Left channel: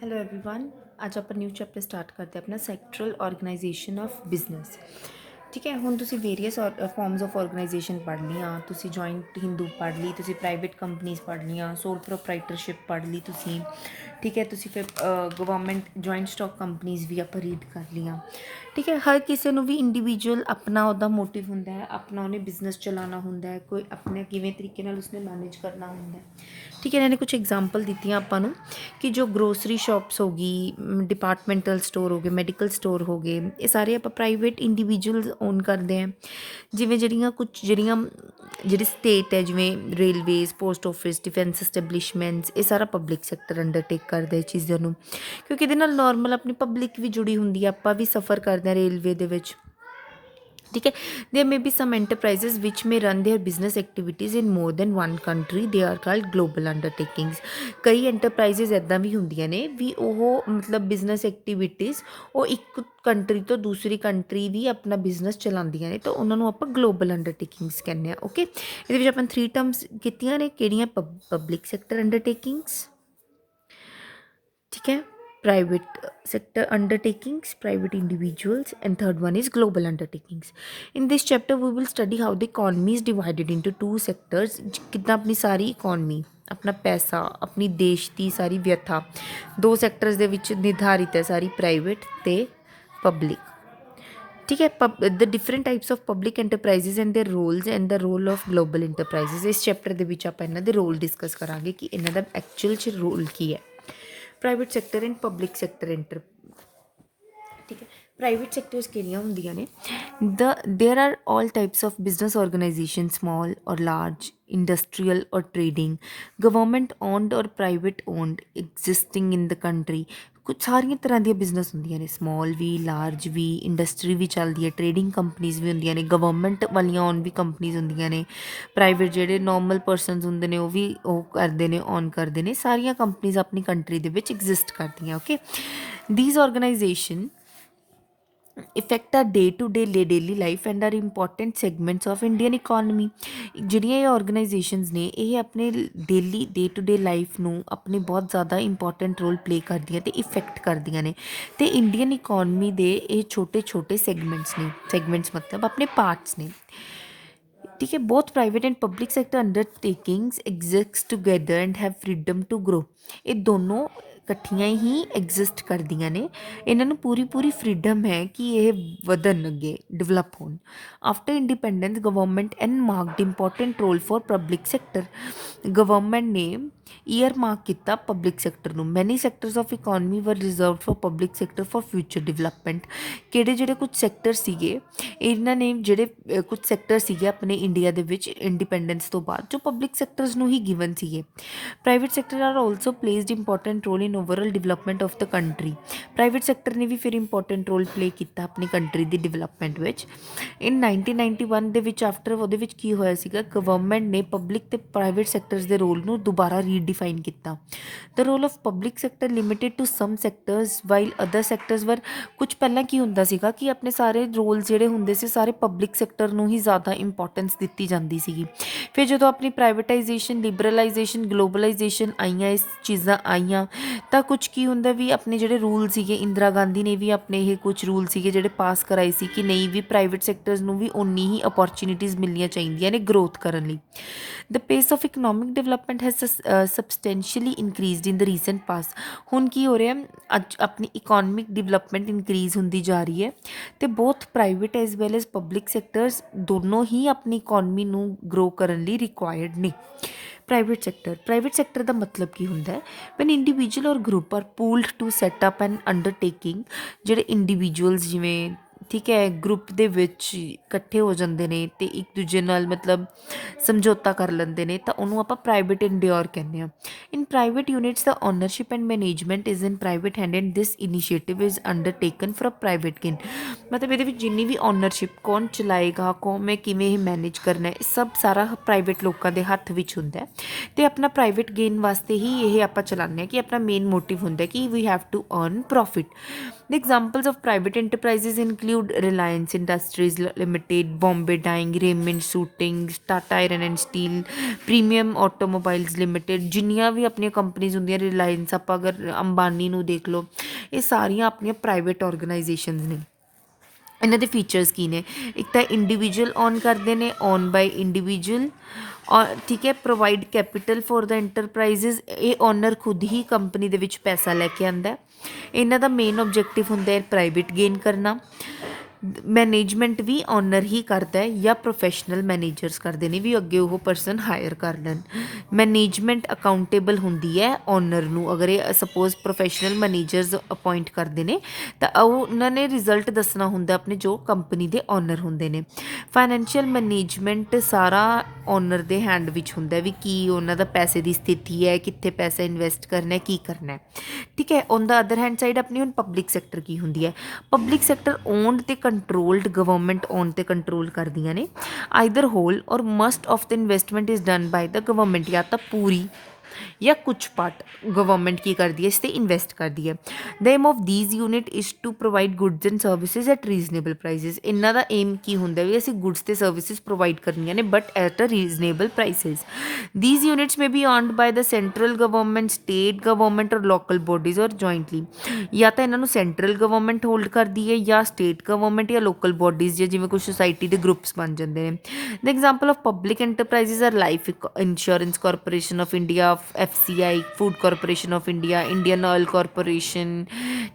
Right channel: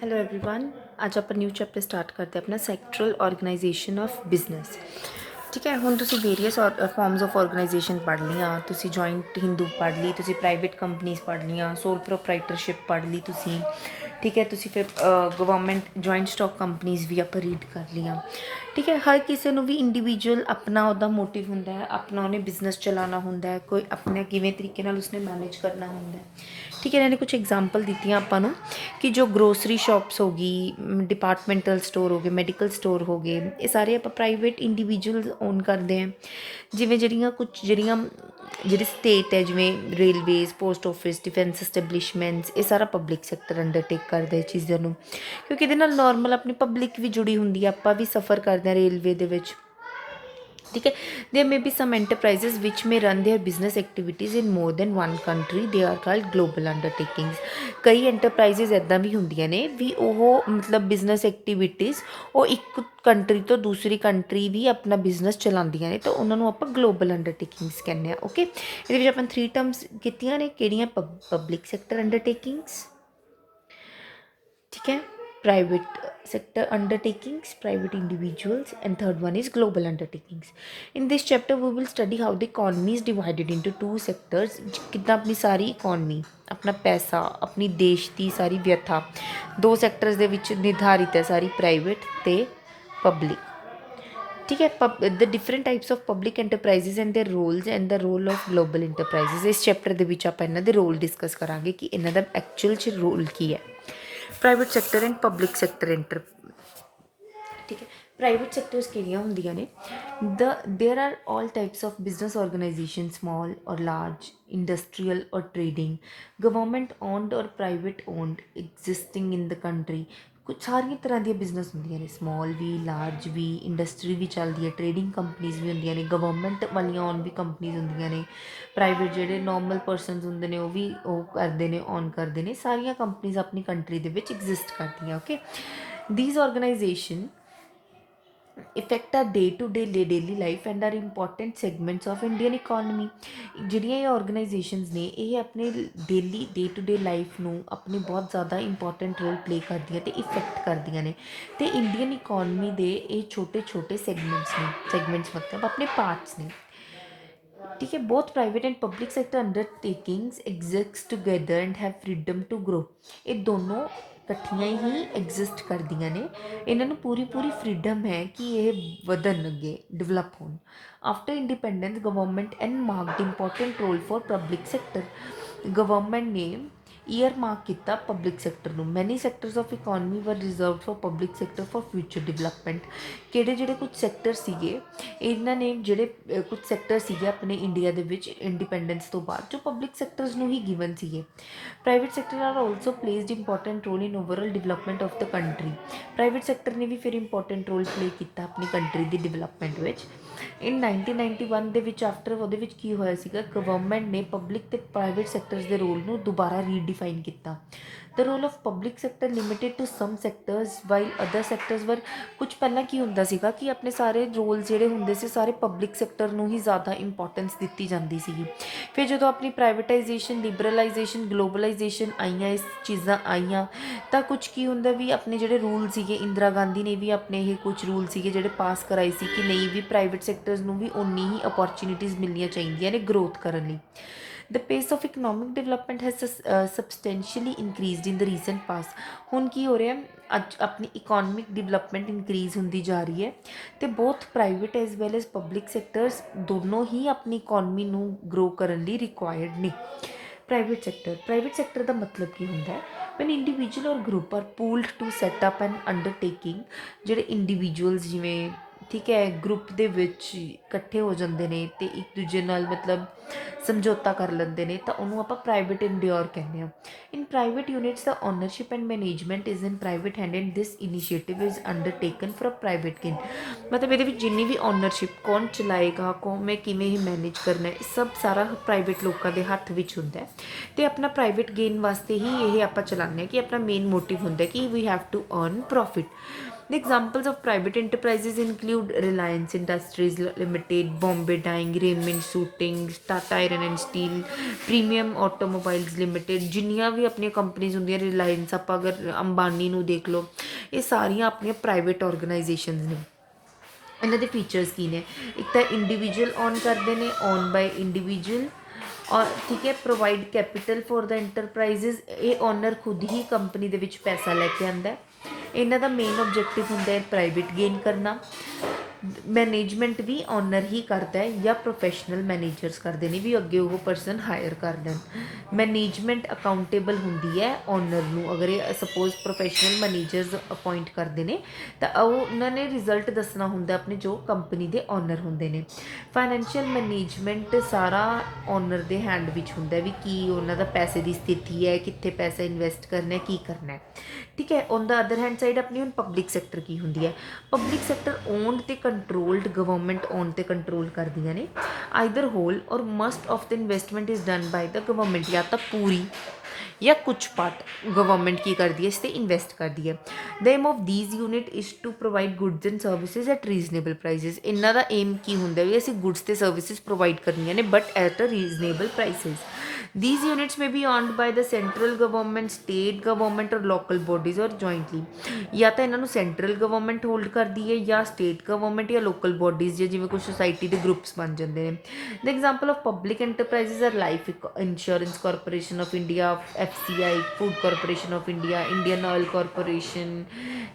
Hello everyone. आज ਆਪਾਂ new chapter start ਕਰਦੇ ਆਪਣਾ ਸੈਕਟਰਲ ਆਰਗੇਨਾਈਜੇਸ਼ਨ ਆਫ ਬਿਜ਼ਨਸ। ਠੀਕ ਹੈ, ਹੁਣ ਤੁਸੀਂ ਵੇਰੀਅਸ ਫਾਰਮਸ ਆਫ ਆਰਗੇਨਾਈਜੇਸ਼ਨ ਪੜ੍ਹ ਲਈਆਂ, ਤੁਸੀਂ ਜੁਆਇੰਟ ਹਿੰਦੂ ਪੜ੍ਹ ਲਈ, ਤੁਸੀਂ ਪ੍ਰਾਈਵੇਟ ਕੰਪਨੀਜ਼ ਪੜ੍ਹ ਲਈਆਂ, ਸੋਲ ਪ੍ਰੋਪਰਾਈਟਰਸ਼ਿਪ ਪੜ੍ਹ ਲਈ ਤੁਸੀਂ। ਠੀਕ ਹੈ, ਤੁਸੀਂ ਫਿਰ ਗਵਰਨਮੈਂਟ ਜੁਆਇੰਟ ਸਟਾਕ ਕੰਪਨੀਜ਼ ਵੀ ਆਪਾਂ ਰੀਡ ਕਰ ਲਈਆਂ। ਠੀਕ ਹੈ, ਹਰ ਕਿਸੇ ਨੂੰ ਵੀ ਇੰਡੀਵਿਜੂਅਲ ਆਪਣਾ ਉਹਦਾ ਮੋਟਿਵ ਹੁੰਦਾ ਹੈ, ਆਪਣਾ ਉਹਨੇ ਬਿਜ਼ਨਸ ਚਲਾਉਣਾ ਹੁੰਦਾ ਹੈ, ਕੋਈ ਆਪਣੇ ਕਿਵੇਂ ਤਰੀਕੇ ਨਾਲ ਉਸਨੇ ਮੈਨੇਜ ਕਰਨਾ ਹੁੰਦਾ ਹੈ। ਠੀਕ ਹੈ, ਇਹਨਾਂ ਨੇ ਕੁਛ ਐਗਜ਼ਾਮਪਲ ਦਿੱਤੀਆਂ ਆਪਾਂ ਨੂੰ ਕਿ ਜੋ ਗਰੋਸਰੀ ਸ਼ਾਪਸ ਹੋ ਗਈ, ਡਿਪਾਰਟਮੈਂਟਲ ਸਟੋਰ ਹੋ ਗਏ, ਮੈਡੀਕਲ ਸਟੋਰ ਹੋ ਗਏ, ਇਹ ਸਾਰੇ ਆਪਾਂ ਪ੍ਰਾਈਵੇਟ ਇੰਡੀਵਿਜੂਅਲਸ ਓਨ ਕਰਦੇ ਹਾਂ। ਜਿਵੇਂ ਜਿਹੜੀ ਸਟੇਟ ਹੈ, ਜਿਵੇਂ ਰੇਲਵੇਜ਼, ਪੋਸਟ ਆਫਿਸ, ਡਿਫੈਂਸ ਐਸਟੈਬਲਿਸ਼ਮੈਂਟਸ, ਇਹ ਸਾਰਾ ਪਬਲਿਕ ਸੈਕਟਰ ਅੰਡਰਟੇਕ ਕਰਦਾ ਇਹ ਚੀਜ਼ਾਂ ਨੂੰ, ਕਿਉਂਕਿ ਇਹਦੇ ਨਾਲ ਨੋਰਮਲ ਆਪਣੀ ਪਬਲਿਕ ਵੀ ਜੁੜੀ ਹੁੰਦੀ ਹੈ, ਆਪਾਂ ਵੀ ਸਫ਼ਰ ਕਰਦੇ ਹਾਂ ਰੇਲਵੇ ਦੇ ਵਿੱਚ। ठीक है, there may be some enterprises which may run their business activities in more than one country, they are called global undertakings. कई एंटरप्राइजेज ਇੱਦਾਂ ਵੀ ਹੁੰਦੀਆਂ ਨੇ ਵੀ ਉਹ ਮਤਲਬ ਬਿਜ਼ਨਸ ਐਕਟੀਵਿਟੀਜ਼ ਉਹ ਇੱਕ ਕੰਟਰੀ ਤੋਂ ਦੂਸਰੀ ਕੰਟਰੀ ਵੀ ਆਪਣਾ ਬਿਜ਼ਨਸ ਚਲਾਉਂਦੀਆਂ ਨੇ, ਤਾਂ ਉਹਨਾਂ ਨੂੰ ਆਪਾਂ ਗਲੋਬਲ ਅੰਡਰਟੇਕਿੰਗਸ ਕਹਿੰਦੇ ਹਾਂ। ਓਕੇ, ਇਹਦੇ ਵਿੱਚ ਆਪਾਂ 3 ਟਰਮਸ ਕੀਤੀਆਂ ਨੇ, ਕਿਹੜੀਆਂ? ਪਬਲਿਕ ਸੈਕਟਰ ਅੰਡਰਟੇਕਿੰਗਸ, ठीक है, private sector undertakings, private individuals, and third one is global undertakings. In this chapter we will study how the economy is divided into two sectors। कितना अपनी सारी इकोनमी, अपना पैसा, अपनी देश की सारी व्यथा दो सैक्टर्स ਦੇ ਵਿੱਚ ਨਿਰਧਾਰਿਤ ਹੈ ਸਾਰੀ, ਪ੍ਰਾਈਵੇਟ ਤੇ ਪਬਲਿਕ। ठीक है, the different types of public enterprises and their roles and the role of global enterprises. इस चैप्टर ਦੇ ਵਿੱਚ ਆਪਾਂ ਇਹਨਾਂ ਦੇ ਰੋਲ ਡਿਸਕਸ ਕਰਾਂਗੇ ਕਿ ਇਹਨਾਂ ਦਾ ਐਕਚੁਅਲ 'ਚ ਰੋਲ ਕੀ ਹੈ। Private sector and public sector ਠੀਕ ਹੈ, ਪ੍ਰਾਈਵੇਟ ਸੈਕਟਰਸ ਕਿਹੜੀਆਂ ਹੁੰਦੀਆਂ ਨੇ? ਦੇਰ are all types of business organisation, small ਔਰ ਲਾਰਜ, ਇੰਡਸਟਰੀਅਲ ਔਰ ਟ੍ਰੇਡਿੰਗ, ਗਵਰਨਮੈਂਟ ਓਨਡ ਔਰ ਪ੍ਰਾਈਵੇਟ ਓਨਡ, ਐਗਜ਼ਿਸਟਿੰਗ ਇਨ ਦ ਕੰਟਰੀ। ਕੁਝ ਸਾਰੀਆਂ ਤਰ੍ਹਾਂ ਦੀਆਂ ਬਿਜ਼ਨਸ ਹੁੰਦੀਆਂ ਨੇ, ਸਮਾਲ ਵੀ, ਲਾਰਜ ਵੀ, ਇੰਡਸਟਰੀ ਵੀ ਚੱਲਦੀ ਹੈ, ਟ੍ਰੇਡਿੰਗ ਕੰਪਨੀਜ਼ ਵੀ ਹੁੰਦੀਆਂ ਨੇ, ਗਵਰਨਮੈਂਟ ਵਾਲੀਆਂ ਓਨ ਵੀ ਕੰਪਨੀਜ਼ ਹੁੰਦੀਆਂ ਨੇ, ਪ੍ਰਾਈਵੇਟ ਜਿਹੜੇ ਨੋਰਮਲ ਪਰਸਨਸ ਹੁੰਦੇ ਨੇ ਉਹ ਵੀ ਉਹ ਕਰਦੇ ਨੇ, ਓਨ ਕਰਦੇ ਨੇ। ਸਾਰੀਆਂ ਕੰਪਨੀਜ਼ ਆਪਣੀ ਕੰਟਰੀ ਦੇ ਵਿੱਚ ਐਗਜ਼ਿਸਟ ਕਰਦੀਆਂ। Okay, these organization affect our day-to-day daily life and are important segments of Indian economy। ਜਿਹੜੀਆਂ ਇਹ ਆਰਗੇਨਾਈਜੇਸ਼ਨਸ ਨੇ ਇਹ ਆਪਣੇ daily day to day life ਨੂੰ ਆਪਣੀ ਬਹੁਤ ਜ਼ਿਆਦਾ ਇੰਪੋਰਟੈਂਟ ਰੋਲ ਪਲੇ ਕਰਦੀਆਂ ਤੇ ਇਫੈਕਟ ਕਰਦੀਆਂ ਨੇ, ਤੇ ਇੰਡੀਅਨ ਇਕੋਨਮੀ ਦੇ ਇਹ ਛੋਟੇ ਛੋਟੇ ਸੈਗਮੈਂਟਸ ਨੇ। ਸੈਗਮੈਂਟਸ ਮਤਲਬ ਆਪਣੇ ਪਾਰਟਸ ਨੇ। ठीक है, both private and public sector undertakings exist together and have freedom to grow. ये दोनों ਇਕੱਠੀਆਂ ਹੀ ਐਗਜ਼ਿਸਟ ਕਰਦੀਆਂ ਨੇ, ਇਹਨਾਂ ਨੂੰ ਪੂਰੀ ਪੂਰੀ ਫਰੀडम ਹੈ ਕਿ ਇਹ ਵਧਣ, ਅੱਗੇ ਡਿਵੈਲਪ ਹੋਣ। After independence government marked important role for public sector. Government ਨੇ ਈਅਰ ਮਾਰਕ ਕੀਤਾ ਪਬਲਿਕ ਸੈਕਟਰ ਨੂੰ। Many sectors of economy were reserved for public sector for future development. ਜਿਹੜੇ ਕੁਝ ਸੈਕਟਰ ਸੀਗੇ, ਇਹਨਾਂ ਨੇ ਜਿਹੜੇ ਕੁਝ ਸੈਕਟਰ ਸੀਗੇ ਆਪਣੇ ਇੰਡੀਆ ਦੇ ਵਿੱਚ ਇੰਡੀਪੈਂਡੈਂਸ ਤੋਂ ਬਾਅਦ, ਜੋ ਪਬਲਿਕ ਸੈਕਟਰਸ ਨੂੰ ਹੀ ਗਿਵਨ ਸੀਗੇ। Private sector are also placed important role in overall development of the country. Private sector ਨੇ ਵੀ ਫਿਰ ਇੰਪੋਰਟੈਂਟ ਰੋਲ ਪਲੇ ਕੀਤਾ ਆਪਣੀ ਕੰਟਰੀ ਦੀ ਡਿਵੈਲਪਮੈਂਟ ਵਿੱਚ। ਇਨ 1991 ਦੇ ਵਿੱਚ ਆਫਟਰ ਉਹਦੇ ਵਿੱਚ ਕੀ ਹੋਇਆ ਸੀਗਾ, ਗਵਰਨਮੈਂਟ ਨੇ ਪਬਲਿਕ ਤੇ ਪ੍ਰਾਈਵੇਟ ਸੈਕਟਰਸ ਦੇ ਰੋਲ ਨੂੰ ਦੁਬਾਰਾ ਰੀਡਿਫਾਈਨ ਕੀਤਾ। The role of public sector limited to some sectors while other sectors were. ਕੁਝ ਪਹਿਲਾਂ ਕੀ ਹੁੰਦਾ ਸੀਗਾ ਕਿ ਆਪਣੇ ਸਾਰੇ ਰੋਲ ਜਿਹੜੇ ਹੁੰਦੇ ਸੀ ਸਾਰੇ ਪਬਲਿਕ ਸੈਕਟਰ ਨੂੰ ਹੀ ਜ਼ਿਆਦਾ ਇੰਪੋਰਟੈਂਸ ਦਿੱਤੀ ਜਾਂਦੀ ਸੀਗੀ। ਫਿਰ ਜਦੋਂ ਆਪਣੀ ਪ੍ਰਾਈਵੇਟਾਈਜੇਸ਼ਨ, ਲਿਬਰਲਾਈਜੇਸ਼ਨ, ਗਲੋਬਲਾਈਜੇਸ਼ਨ ਆਈਆਂ, ਇਸ ਚੀਜ਼ਾਂ ਆਈਆਂ, ਤਾਂ ਕੁਝ ਕੀ ਹੁੰਦਾ ਵੀ ਆਪਣੇ ਜਿਹੜੇ ਰੂਲ ਸੀਗੇ, ਇੰਦਰਾ ਗਾਂਧੀ ਨੇ ਵੀ ਆਪਣੇ ਇਹ ਕੁਝ ਰੂਲ ਸੀਗੇ ਜਿਹੜੇ ਪਾਸ ਕਰਾਏ ਸੀ ਕਿ ਨਹੀਂ ਵੀ ਪ੍ਰਾਈਵੇਟ ਸੈਕਟਰਸ ਨੂੰ ਵੀ ਓਨੀ ਹੀ ਅਪੋਰਚੁਨਿਟੀਜ਼ ਮਿਲਣੀਆਂ ਚਾਹੀਦੀਆਂ ਨੇ ਗਰੋਥ ਕਰਨ ਲਈ। The pace of economic development has substantially increased in the recent past. ਹੁਣ ਕੀ ਹੋ ਰਿਹਾ, ਅੱਜ ਆਪਣੀ ਇਕਨੋਮਿਕ ਡਿਵੈਲਪਮੈਂਟ ਇਨਕਰੀਜ਼ ਹੁੰਦੀ ਜਾ ਰਹੀ ਹੈ, ਤੇ both private as well as public sectors ਦੋਨੋਂ ਹੀ ਆਪਣੀ ਇਕਨੋਮੀ ਨੂੰ ਗਰੋ ਕਰਨ ਲਈ ਰਿਕੁਆਇਰਡ ਨੇ। ਪ੍ਰਾਈਵੇਟ ਸੈਕਟਰ ਦਾ ਮਤਲਬ ਕੀ ਹੁੰਦਾ ਹੈ? When individual or group are pooled to set up an undertaking. ਜਿਹੜੇ ਇੰਡੀਵਿਜੂਅਲਸ ਜਿਵੇਂ, ਠੀਕ ਹੈ, ਗਰੁੱਪ ਦੇ ਵਿੱਚ ਇਕੱਠੇ ਹੋ ਜਾਂਦੇ ਨੇ ਤੇ ਇੱਕ ਦੂਜੇ ਨਾਲ ਮਤਲਬ ਸਮਝੌਤਾ ਕਰ ਲੈਂਦੇ ਨੇ, ਤਾਂ ਉਹਨੂੰ ਆਪਾਂ ਪ੍ਰਾਈਵੇਟ ਇੰਡਿਓਰ ਕਹਿੰਦੇ ਹਾਂ। ਇਨ ਪ੍ਰਾਈਵੇਟ ਯੂਨਿਟਸ ਦਾ ownership and management is in private hand and this initiative is undertaken for private gain. ਮਤਲਬ ਇਹਦੇ ਵਿੱਚ ਜਿੰਨੀ ਵੀ ਓਨਰਸ਼ਿਪ, ਕੌਣ ਚਲਾਏਗਾ, ਕੌਣ ਕਿਵੇਂ ਇਹ ਮੈਨੇਜ ਕਰਨਾ, ਇਹ ਸਭ ਸਾਰਾ ਪ੍ਰਾਈਵੇਟ ਲੋਕਾਂ ਦੇ ਹੱਥ ਵਿੱਚ ਹੁੰਦਾ ਹੈ, ਤੇ ਆਪਣਾ ਪ੍ਰਾਈਵੇਟ ਗੇਨ ਵਾਸਤੇ ਹੀ ਇਹ ਆਪਾਂ ਚਲਾਉਂਦੇ ਹਾਂ, ਕਿ ਆਪਣਾ ਮੇਨ ਮੋਟਿਵ ਹੁੰਦਾ ਕਿ we have to earn profit. The examples of private enterprises include Reliance Industries Limited, Bombay Dyeing, Raymond Suiting, Tata Iron and Steel, Premium Automobiles Limited, ਜਿੰਨੀਆਂ ਵੀ ਆਪਣੀਆਂ ਕੰਪਨੀਜ਼ ਹੁੰਦੀਆਂ, ਰਿਲਾਇੰਸ ਆਪਾਂ ਅਗਰ ਅੰਬਾਨੀ ਨੂੰ ਦੇਖ ਲਓ, ਇਹ ਸਾਰੀਆਂ ਆਪਣੀਆਂ ਪ੍ਰਾਈਵੇਟ ਆਰਗੇਨਾਈਜੇਸ਼ਨਸ ਨੇ। ਇਹਨਾਂ ਦੇ ਫੀਚਰਸ ਕੀ ਨੇ? ਇੱਕ ਤਾਂ ਇੰਡੀਵਿਜੂਅਲ ਓਨ ਕਰਦੇ ਨੇ, ਓਨ ਬਾਈ ਇੰਡੀਵਿਜੂਅਲ, ਔਰ ਠੀਕ ਹੈ, provide capital for the enterprises, ਇਹ ਓਨਰ ਖੁਦ ਹੀ ਕੰਪਨੀ ਦੇ ਵਿੱਚ ਪੈਸਾ ਲੈ ਕੇ ਆਉਂਦਾ। ਇਹਨਾਂ ਦਾ ਮੇਨ ਆਬਜੈਕਟਿਵ ਹੁੰਦਾ ਹੈ ਪ੍ਰਾਈਵੇਟ ਗੇਨ ਕਰਨਾ। ਮੈਨੇਜਮੈਂਟ ਵੀ ਓਨਰ ਹੀ ਕਰਦਾ ਹੈ ਜਾਂ ਪ੍ਰੋਫੈਸ਼ਨਲ ਮੈਨੇਜਰਸ ਕਰਦੇ ਨੇ ਵੀ ਅੱਗੇ ਉਹ ਪਰਸਨ ਹਾਇਰ ਕਰ ਲੈਣ। ਮੈਨੇਜਮੈਂਟ ਅਕਾਊਂਟੇਬਲ ਹੁੰਦੀ ਹੈ ਓਨਰ ਨੂੰ। ਅਗਰ ਇਹ ਸਪੋਜ਼ ਪ੍ਰੋਫੈਸ਼ਨਲ ਮੈਨੇਜਰਸ ਅਪੋਇੰਟ ਕਰਦੇ ਨੇ ਤਾਂ ਉਹਨਾਂ ਨੇ ਰਿਜ਼ਲਟ ਦੱਸਣਾ ਹੁੰਦਾ ਆਪਣੇ ਜੋ ਕੰਪਨੀ ਦੇ ਓਨਰ ਹੁੰਦੇ ਨੇ। ਫਾਈਨੈਂਸ਼ੀਅਲ ਮੈਨੇਜਮੈਂਟ ਸਾਰਾ ਓਨਰ ਦੇ ਹੈਂਡ ਵਿੱਚ ਹੁੰਦਾ ਵੀ ਕੀ ਉਹਨਾਂ ਦਾ ਪੈਸੇ ਦੀ ਸਥਿਤੀ ਹੈ, ਕਿੱਥੇ ਪੈਸਾ ਇਨਵੈਸਟ ਕਰਨਾ, ਕੀ ਕਰਨਾ, ਠੀਕ ਹੈ। On the other hand side ਆਪਣੀ ਹੁਣ ਪਬਲਿਕ ਸੈਕਟਰ ਕੀ ਹੁੰਦੀ ਹੈ? ਪਬਲਿਕ ਸੈਕਟਰ ਓਨਡ ਤੇ ਕੰਟਰੋਲਡ, ਗਵਰਨਮੈਂਟ ਓਨ ਤੇ ਕੰਟਰੋਲ ਕਰਦੀਆਂ ਨੇ। Either whole or must of the investment is done by the government, ਜਾਂ ਤਾਂ ਪੂਰੀ ਜਾਂ ਕੁਛ ਪਾਰਟ ਗਵਰਨਮੈਂਟ ਕੀ ਕਰਦੀ ਹੈ, ਇਸ 'ਤੇ ਇਨਵੈਸਟ ਕਰਦੀ ਹੈ। The aim of these unit is to provide goods and services at reasonable prices. ਇਹਨਾਂ ਦਾ ਏਮ ਕੀ ਹੁੰਦਾ ਵੀ ਅਸੀਂ ਗੁੱਡਸ ਤੇ ਸਰਵਿਸਿਜ਼ ਪ੍ਰੋਵਾਈਡ ਕਰਨੀਆਂ ਨੇ but at a reasonable prices. These units may be owned by the central government, state government or local bodies or jointly. ਜਾਂ ਤਾਂ ਇਹਨਾਂ ਨੂੰ ਸੈਂਟਰਲ ਗਵਰਨਮੈਂਟ ਹੋਲਡ ਕਰਦੀ ਹੈ ਜਾਂ ਸਟੇਟ ਗਵਰਨਮੈਂਟ ਜਾਂ ਲੋਕਲ ਬੋਡੀਜ਼, ਜਾਂ ਜਿਵੇਂ ਕੁਛ ਸੁਸਾਇਟੀ ਦੇ ਗਰੁੱਪਸ ਬਣ ਜਾਂਦੇ ਨੇ। The example of public enterprises are life insurance corporation of India, FCI, food corporation of India, Indian oil corporation,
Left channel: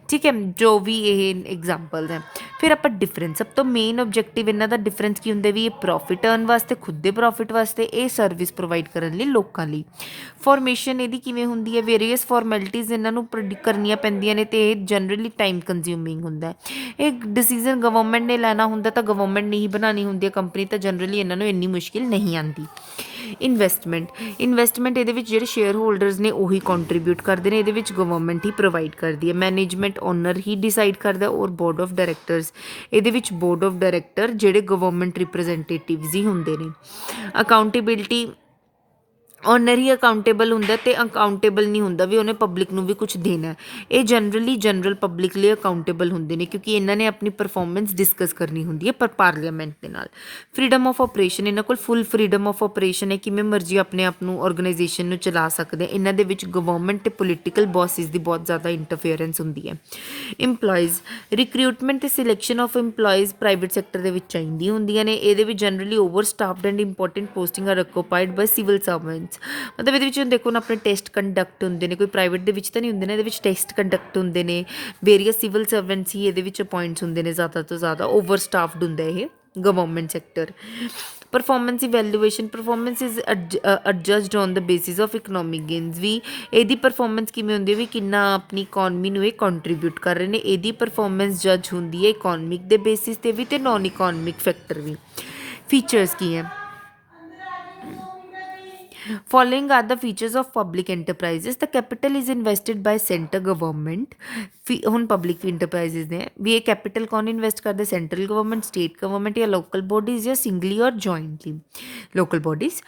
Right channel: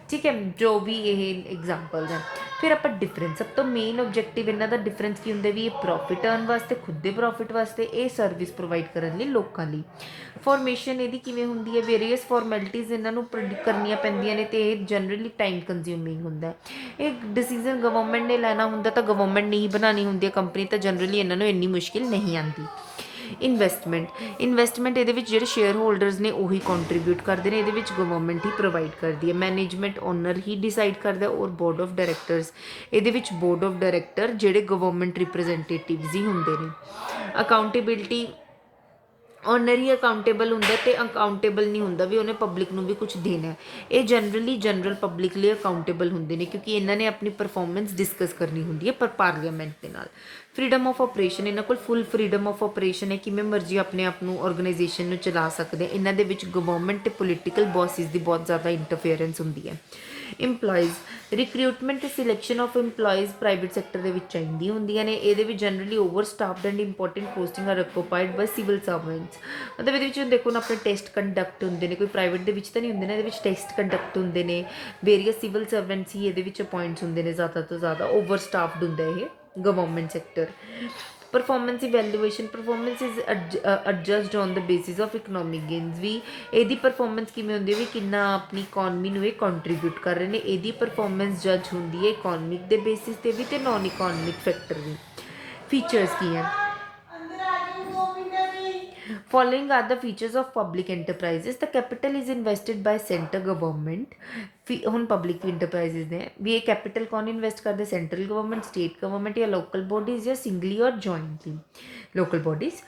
ਠੀਕ ਹੈ, ਜੋ ਵੀ ਇਹ ਐਗਜ਼ਾਮਪਲਸ ਹੈ। ਫਿਰ ਆਪਾਂ ਡਿਫਰੈਂਸ, ਸਭ ਤੋਂ ਮੇਨ ਆਬਜੈਕਟਿਵ ਇਹਨਾਂ ਦਾ ਡਿਫਰੈਂਸ ਕੀ ਹੁੰਦਾ ਵੀ ਇਹ ਪ੍ਰੋਫਿਟ ਅਰਨ ਵਾਸਤੇ, ਖੁਦ ਦੇ ਪ੍ਰੋਫਿਟ ਵਾਸਤੇ, ਇਹ ਸਰਵਿਸ ਪ੍ਰੋਵਾਈਡ ਕਰਨ ਲਈ ਲੋਕਾਂ ਲਈ। ਫੋਰਮੇਸ਼ਨ ਇਹਦੀ ਕਿਵੇਂ ਹੁੰਦੀ ਹੈ? ਵੇਰੀਅਸ ਫਾਰਮੈਲਿਟੀਜ਼ ਇਹਨਾਂ ਨੂੰ ਕਰਨੀਆਂ ਪੈਂਦੀਆਂ ਨੇ ਅਤੇ ਇਹ ਜਨਰਲੀ ਟਾਈਮ ਕੰਜ਼ਿਊਮਿੰਗ ਹੁੰਦਾ। ਇਹ ਡਿਸੀਜ਼ਨ ਗਵਰਨਮੈਂਟ ਨੇ ਲੈਣਾ ਹੁੰਦਾ ਤਾਂ ਗਵਰਨਮੈਂਟ ਨੇ ਹੀ ਬਣਾਉਣੀ ਹੁੰਦੀ ਹੈ ਕੰਪਨੀ, ਤਾਂ ਜਨਰਲੀ ਇਹਨਾਂ ਨੂੰ ਇੰਨੀ ਮੁਸ਼ਕਿਲ ਨਹੀਂ ਆਉਂਦੀ। ਇਨਵੈਸਟਮੈਂਟ ਇਹਦੇ ਵਿੱਚ ਜਿਹੜੇ ਸ਼ੇਅਰ ਹੋਲਡਰਸ ਨੇ ਉਹੀ ਕੰਟਰੀਬਿਊਟ ਕਰਦੇ ਨੇ, ਇਹਦੇ ਵਿੱਚ ਗਵਰਨਮੈਂਟ ਹੀ ਪ੍ਰੋਵਾਈਡ ਕਰਦੀ ਹੈ। ਮੈਨੇਜਮੈਂਟ ਓਨਰ ਹੀ ਡਿਸਾਈਡ ਕਰਦਾ, ਔਰ ਬੋਰਡ ਆਫ ਡਾਇਰੈਕਟਰਸ, ਇਹਦੇ ਵਿੱਚ ਬੋਰਡ ਆਫ ਡਾਇਰੈਕਟਰ ਜਿਹੜੇ ਗਵਰਨਮੈਂਟ ਰਿਪਰੈਜ਼ੈਂਟੇਟਿਵਸ ਹੀ ਹੁੰਦੇ ਨੇ। ਅਕਾਊਂਟੇਬਿਲਟੀ, ਓਨਰ ਹੀ ਅਕਾਊਂਟੇਬਲ ਹੁੰਦਾ ਅਤੇ ਅਕਾਊਂਟੇਬਲ ਨਹੀਂ ਹੁੰਦਾ ਵੀ ਉਹਨੇ ਪਬਲਿਕ ਨੂੰ ਵੀ ਕੁਛ ਦੇਣਾ। ਇਹ ਜਨਰਲੀ ਜਨਰਲ ਪਬਲਿਕ ਲਈ ਅਕਾਊਂਟੇਬਲ ਹੁੰਦੇ ਨੇ ਕਿਉਂਕਿ ਇਹਨਾਂ ਨੇ ਆਪਣੀ ਪਰਫੋਰਮੈਂਸ ਡਿਸਕਸ ਕਰਨੀ ਹੁੰਦੀ ਹੈ ਪਰ ਪਾਰਲੀਮੈਂਟ ਦੇ ਨਾਲ। ਫਰੀਡਮ ਆਫ ਆਪਰੇਸ਼ਨ, ਇਹਨਾਂ ਕੋਲ ਫੁੱਲ ਫਰੀਡਮ ਆਫ ਆਪਰੇਸ਼ਨ ਹੈ, ਕਿਵੇਂ ਮਰਜ਼ੀ ਆਪਣੇ ਆਪ ਨੂੰ ਆਰਗੇਨਾਈਜੇਸ਼ਨ ਨੂੰ ਚਲਾ ਸਕਦੇ। ਇਹਨਾਂ ਦੇ ਵਿੱਚ ਗਵਰਨਮੈਂਟ ਅਤੇ ਪੋਲੀਟੀਕਲ ਬੋਸਿਸ ਦੀ ਬਹੁਤ ਜ਼ਿਆਦਾ ਇੰਟਰਫੇਅਰੈਂਸ ਹੁੰਦੀ ਹੈ। ਇੰਪਲੋਇਜ਼, ਰਿਕਰੂਟਮੈਂਟ ਅਤੇ selection of employees private sector ਦੇ ਵਿੱਚ ਚਾਹੀਦੀਆਂ ਹੁੰਦੀਆਂ ਨੇ। ਇਹਦੇ ਵਿੱਚ generally over staffed and important posting are occupied by civil servants. ਮਤਲਬ ਇਹਦੇ ਵਿੱਚ ਦੇਖੋ ਨਾ ਆਪਣੇ ਟੈਸਟ ਕੰਡਕਟ ਹੁੰਦੇ ਨੇ, ਕੋਈ ਪ੍ਰਾਈਵੇਟ ਦੇ ਵਿੱਚ ਤਾਂ ਨਹੀਂ ਹੁੰਦੇ ਨੇ, ਇਹਦੇ ਵਿੱਚ ਟੈਸਟ ਕੰਡਕਟ ਹੁੰਦੇ ਨੇ। ਵੇਰੀਅਸ ਸਿਵਲ ਸਰਵੈਂਟਸ ਹੀ ਇਹਦੇ ਵਿੱਚ ਅਪੋਇੰਟਸ ਹੁੰਦੇ ਨੇ, ਜ਼ਿਆਦਾ ਤੋਂ ਜ਼ਿਆਦਾ ਓਵਰ ਸਟਾਫਡ ਹੁੰਦਾ ਇਹ government sector. Performance evaluation, performance is adjusted on the basis of economic gains. ਵੀ ਇਹਦੀ ਪਰਫੋਰਮੈਂਸ ਕਿਵੇਂ ਹੁੰਦੀ ਹੈ ਵੀ ਕਿੰਨਾ ਆਪਣੀ ਇਕੋਨਮੀ ਨੂੰ ਇਹ ਕੰਟਰੀਬਿਊਟ ਕਰ ਰਹੇ ਨੇ। ਇਹਦੀ ਪਰਫੋਰਮੈਂਸ ਜੱਜ ਹੁੰਦੀ ਹੈ ਇਕੋਨਮਿਕ ਦੇ ਬੇਸਿਸ 'ਤੇ ਵੀ ਅਤੇ ਨੋਨ ਇਕੋਨਮਿਕ ਫੈਕਟਰ ਵੀ। ਫੀਚਰਸ ਕੀ ਹੈ? Following are the features of public enterprises. The capital is invested by center government. ਹੁਣ ਪਬਲਿਕ ਇੰਟਰਪ੍ਰਾਈਜ਼ਸ ਨੇ ਵੀ ਇਹ ਕੈਪੀਟਲ ਕੌਣ ਇਨਵੈਸਟ ਕਰਦੇ? ਸੈਂਟਰਲ ਗਵਰਨਮੈਂਟ, ਸਟੇਟ ਗਵਰਨਮੈਂਟ ਜਾਂ ਲੋਕਲ ਬੋਡੀਜ਼ ਜਾਂ singly or jointly local bodies.